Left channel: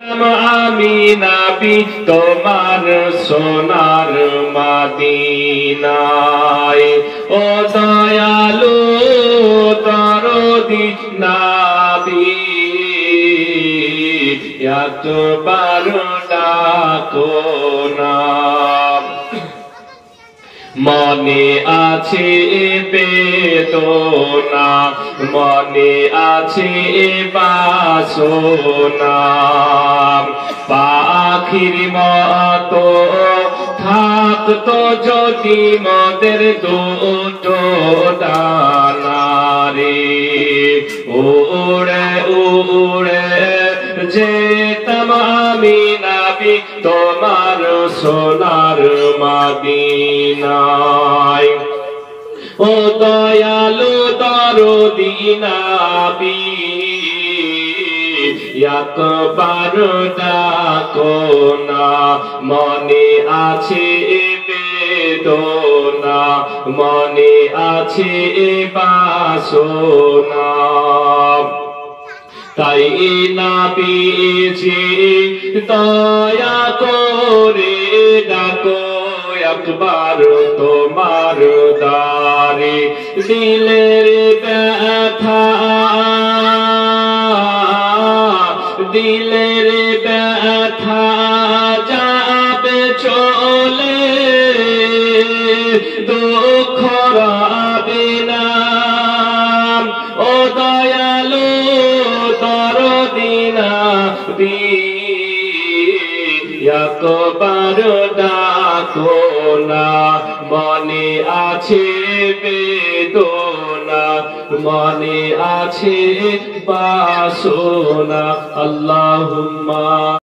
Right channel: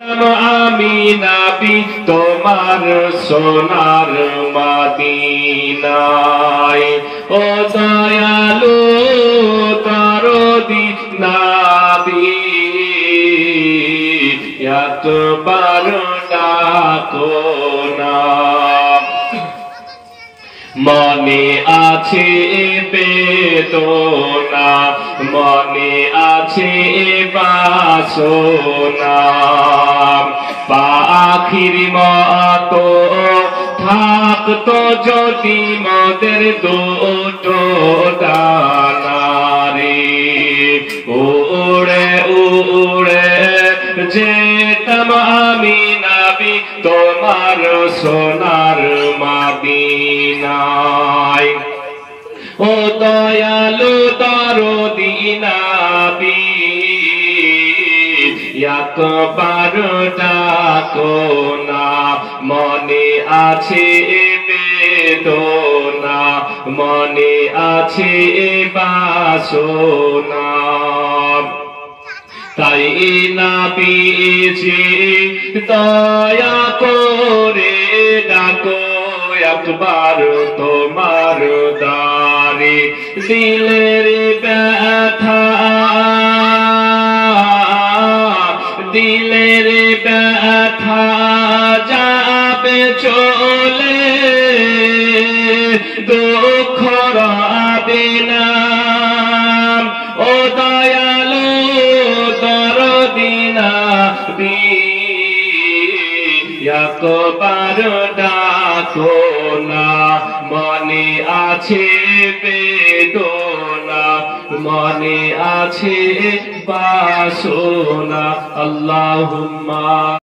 আমি নবী তোমার সোনার মদিনায় ও দয়ালু দরদি নবী একবার ডাকো না। মনে আছে বেদনা, মনে আছে বাসনা, পাখির মতো থাকতো যদি মোদের দুটো ডানা রে, উড়ে উড়ে যেতাম আমি নবী তোমার সোনার মদিনায়। ও দয়ালু দরদি নবী একবার ডাকো না। মনে আছে বেদনা, মনে আছে বাসনা, তাই নবীজি দয়া করে ডাকো একবার তোমার দারে। দিলের ব্যথা, দিলের ব্যথা যাবে চলে, দুঃখ রবে না। ও দয়ালু দরদি নবী একবার ডাকো না। মনে আছে বেদনা, মনে আছে বাসনা। আল্লাহুম্মা